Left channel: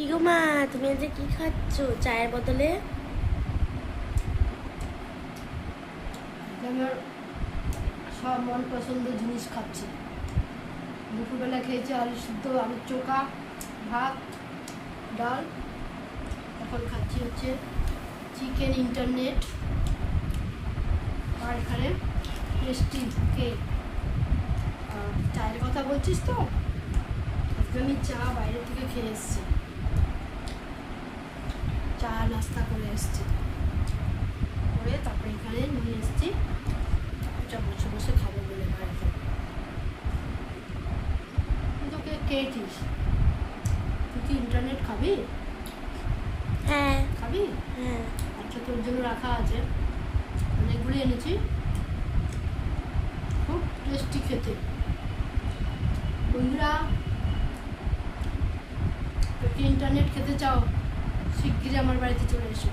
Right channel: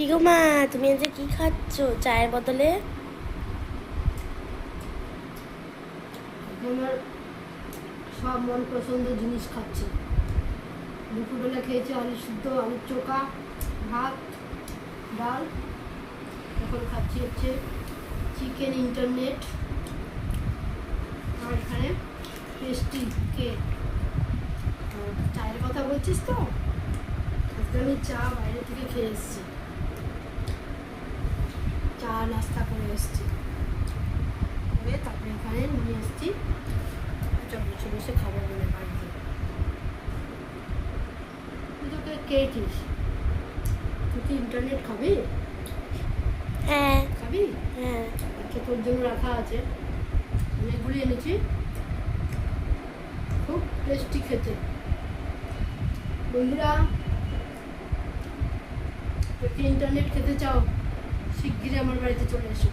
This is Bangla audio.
কি গো মা, তুমি আজ কি খাচ্ছ চায়ের বদলে? আমার সব মন পছন্দের জিনিস খাচ্ছি। দুপুরবেলা খেয়েছি আলু সিদ্ধ, আলুর চোখা, ভাত, ডাল। এখন খাচ্ছি হচ্ছে চিকেন ইন্টারনেট, আর এখানে টেস্টি কেক। চায়ের কথা বলছিস তো, আজকে আমি চা বাইরে থেকে খেয়ে এসেছি, চা নাস্তা করে এসেছি, করে তারপরে এখানে নিয়ে এসেছি, এটা বসে বসে খাবো বলে বাড়িতে। তোকে কে কিস, তুই কি ইন্টারনেট খাবি? হ্যাঁ খাবি? হ্যাঁ। আচ্ছা, তোর জন্য রাখা আছে, অনেকগুলো এনেছি, খুব টেস্টি খেতে। বন্ধুরা, যদি ইন্টারনেট খেতে চাও শিগগিরই আমার বাড়িতে চলে এসো।